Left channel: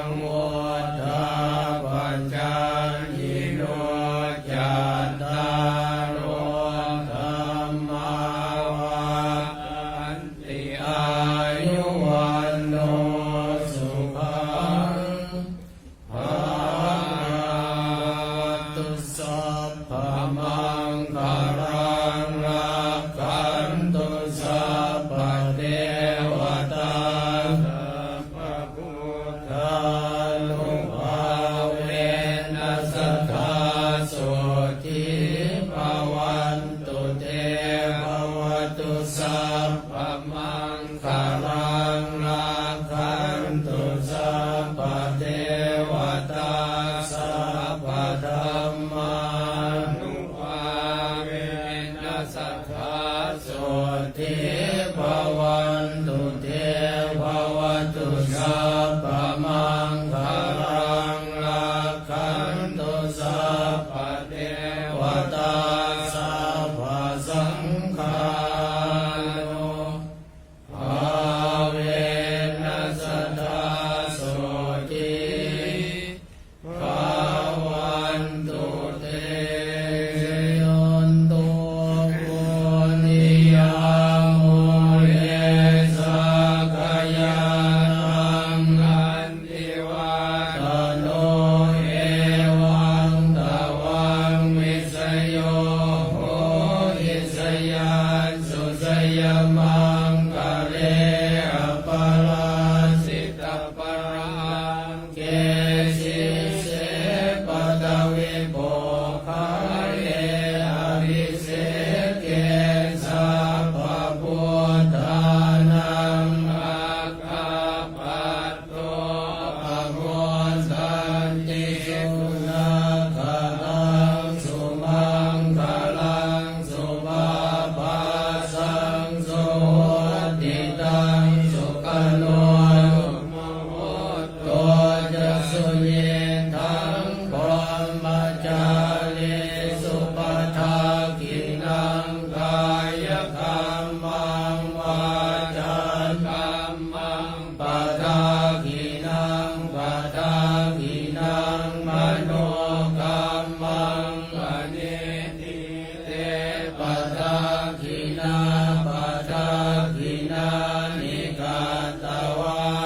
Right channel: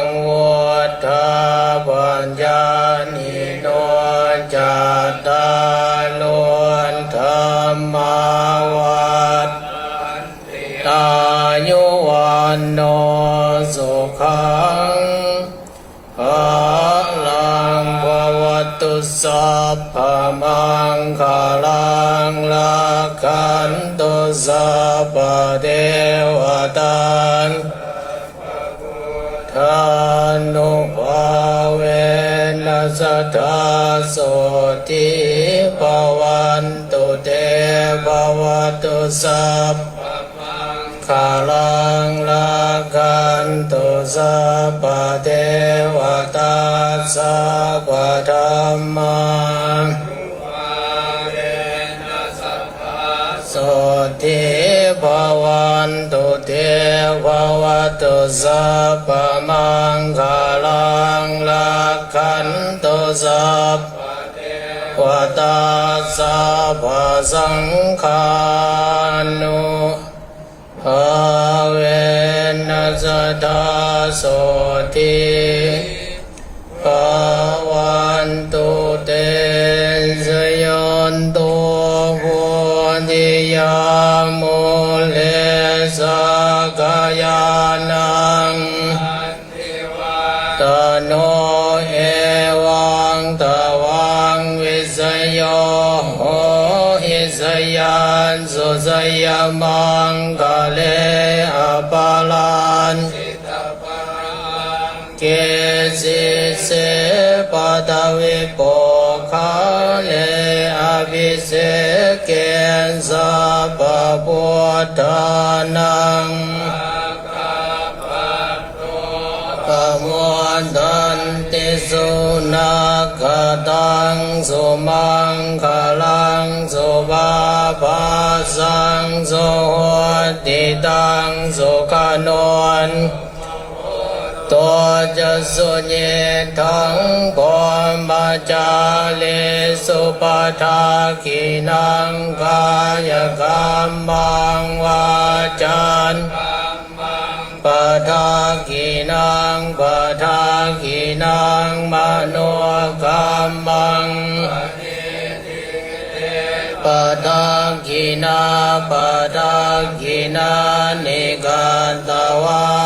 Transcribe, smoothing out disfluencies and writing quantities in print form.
งวุฒาปัญญานิโนจัตตาโลธรรมาวัฏอายุวันโนสุขังภะลังภวตุสัพพมังคลังลักขันตุสัพพเทวตาทานุภาเวนัสสทธาโสติภวันตุเตภวตุสัพพมังคลังลักขันตุสัพพเทวตาสัพพธัมมังโสติภวันตุเตภวตุสัพพมังคลังลักขันตุสัพพเทวตาสัพพสังฆานุภาเวนัสสทธาโสติภวันตุเตสยนตุปุญิยามุเลสกายานังตโนเอวังตวังวิสโยโหอิสยันสุสยมังกะเลอปาลันเกสิเสปตวิโปคาเลอภิเสเกสัพพพุทธานังปมวันตันติสุนัขขตังสุมังคลังสุภาภาสังสุโหติตังสุขโนนตัวจะสุญญทังพมจาลิสุปทากินังกายกรรมังวาจันปทากินังปทากินังมโนกรรมังปทากินาปทากินานิการตวา